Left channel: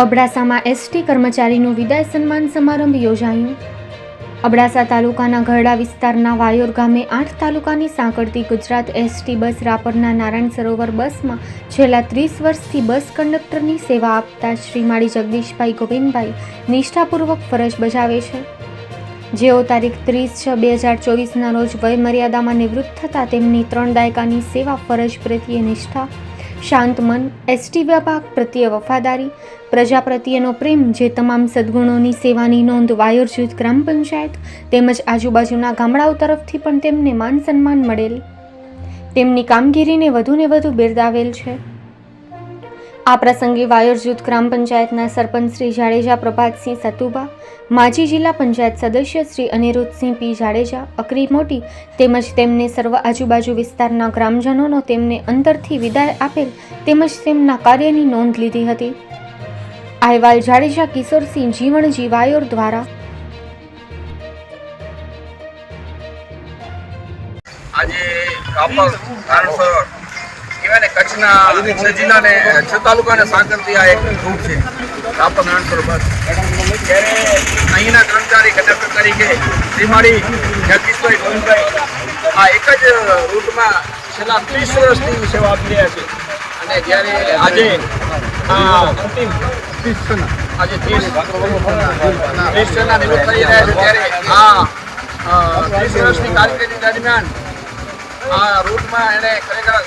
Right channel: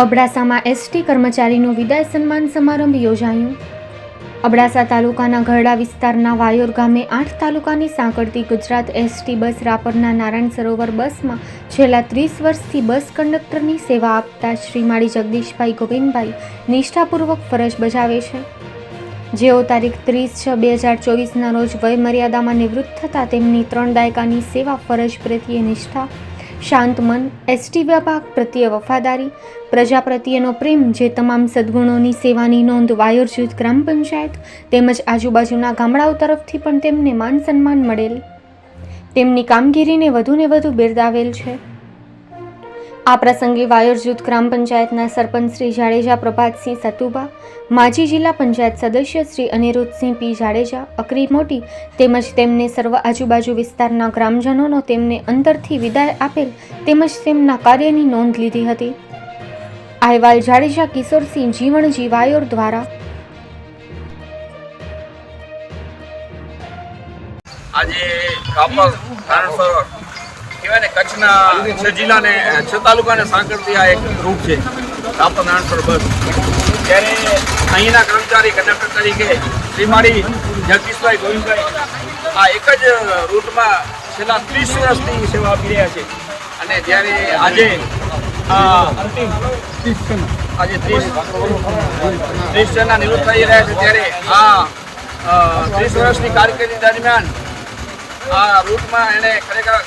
અબડાસામાં ST કર્મચારીનું વિદાય સન્માન સમારંભ યોજાયું. અબડાસા તાલુકાના ગરડા વિસ્તારના વાયોર ગામે આઠ તાલુકાની સાંકળતી ગુજરાત એસટી બસ રાપરના નારાયણ સરોવર બસમાં છેલ્લા ત્રીસ વર્ષથી બસ કંડક્ટરની સેવા આપતા શ્રી માળી જગદીશભાઈ ગોવિંદભાઈ નિષ્ઠાપૂર્વક ફરજ બજાવે છે. જેઓ તારીખ ત્રીસ છ બે હજાર ચોવીસના રોજ વયમર્યાદામાં નિવૃત્ત થતાં તેમની ત્રણ દાયકાની સેવા ફરજ પ્રત્યે નિષ્ઠા શાંત મન એસટી વિભાગ પ્રત્યે વફાદારી, પ્રજા પ્રત્યેનો પ્રેમ જે તમામ સદ્ગુણોની સેવાની નોંધ વાયોર જૂથ ગ્રામ પંચાયત તેમજ આજુબાજુના ગામડાઓ તરફથી પણ તેમને માન સન્માન મળેલ. તેમની કામગીરીને વધુને વધુ બિરદાવેલ છે. આ પ્રસંગે વાયોર જૂથ ગ્રામ પંચાયતના સરપંચ શ્રી જાડેજા પ્રભાતસિંહ સતુભા, માજી જિલ્લા પંચાયત સદસ્ય શ્રી અનિરુદ્ધસિંહ પી જાડેજા, અકરી મોટી તેમજ તેમને સર્વ આજુબાજુ વિસ્તારના ગ્રામજનોનો તેમને અંતરથી વિદાય આપેલ તેમજ તેમના કાર્યની નોંધ લીધી હતી. અહેવાલ જાડેજા, કિશોરસિંહ જીવણજી, વાયોર દ્વારા આજે કચ્છના છ જિલ્લાને છ તાલુકાને સાંકળતી આ એક રૂટ છે. રાપર નાણસર બસ. ત્યારે અહીંના કર્મચારી કંડક્ટર તરીકે શ્રીમાળી જગદીશભાઈ ગોવિંદભાઈ આ એક જ રૂટમાં છેલ્લા ત્રીસ વર્ષથી સેવા આપી રહ્યા છે. અને જ્યારે આજે આ અંતિમ આજે ત્રીસ ત્રીસ જણના નિવૃત્ત થઈ રહ્યા છે, ત્યારે આ ત્રીસ વર્ષની કારકિર્દી દરમિયાન આ રૂટમાં એણે ખરેખર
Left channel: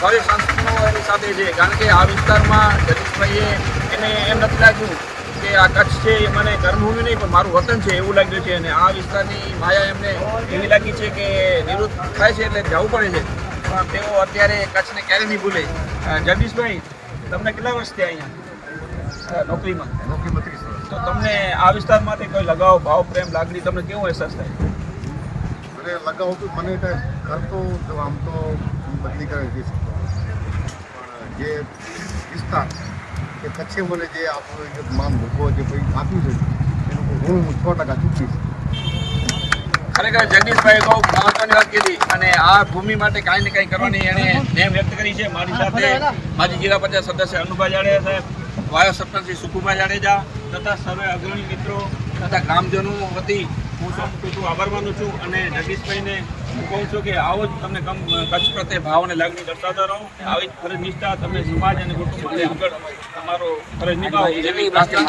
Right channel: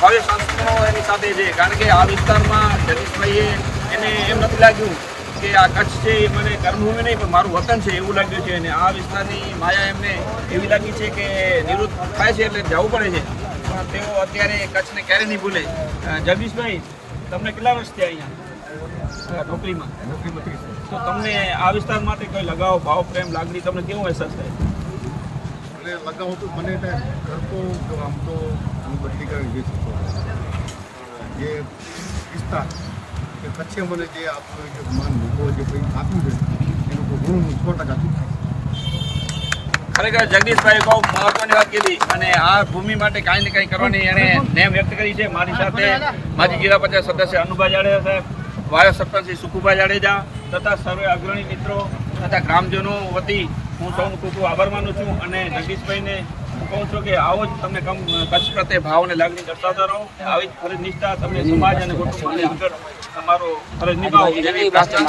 ભવ્ય સંસ્કૃતિનો સાથે છે કારણ કે આ વિસ્તારમાં જગદીશભાઈએ એને એમ નથી લાગ્યું કે આ કચ્છ છે એ મને કર્મભૂમિ નહીં પણ મારું વતન છે એવું લાગ્યું છે. અને આ વિસ્તારની માયા એમને એવી લાગી છે કે નિવૃત્ત થાય છે એટલે જવું પડે છે. પણ તેઓ અત્યારે કચ્છને ક્યારે નહીં ભૂલે. જગીશભાઈ જગદીશભાઈ તમને કેટલા વર્ષ થયા અહીંયા? નોકરીમાં? નોકરીમાં ત્રીસ વર્ષ. તો તમને આ વિસ્તાર માટે કોઈ લગાવ ભાવ પ્રેમ લાગણી તમને કેવો અહેસાસ થાય? મને લગાવ તો મને ઘર તો જો આમ તો હું બદલી કરી જોઈ શકતો પણ જે વિસ્તાર કે કચ્છે મને જે આપણું જે માન મૂકો જે પૈસા આપ્યું છે, એનું હું હું સો ટકા ચૂકવીશ. ખરેખર જગદીશભાઈ બહુ મહત્વની વાત કીધી અને આ ભૂમિ માટે કાંઈ ને કાંઈ કરવાની એને નેમ વ્યક્ત કરી છે. મારી સાથે માજી જિલ્લા પંચાયત સદસ્ય અનુભા જાડેજા સાહેબ, વાયો સત્તરસિંહ સુખુભા જાડેજા તથા સર્વે અગ્રણી મિત્રો તથા ગ્રામજનો વતી હું સૌનું ખૂબ આભાર માનું છું અને જગદીશભાઈને કહું છું કે આવો જ તમને કમ કચ્છ પ્રત્યે ભાવ અને લાગણી દર્શાવતા રહો આવી ફરજ નિષ્ઠા તમે સમાજ અને કુટુંબ માટે આગળ તમારો ફરજ નિભાવો. એવી પ્રાર્થના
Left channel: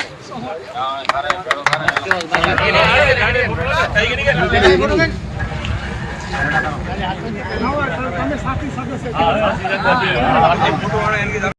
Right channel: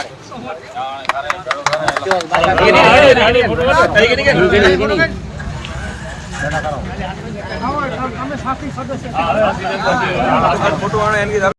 ફોટો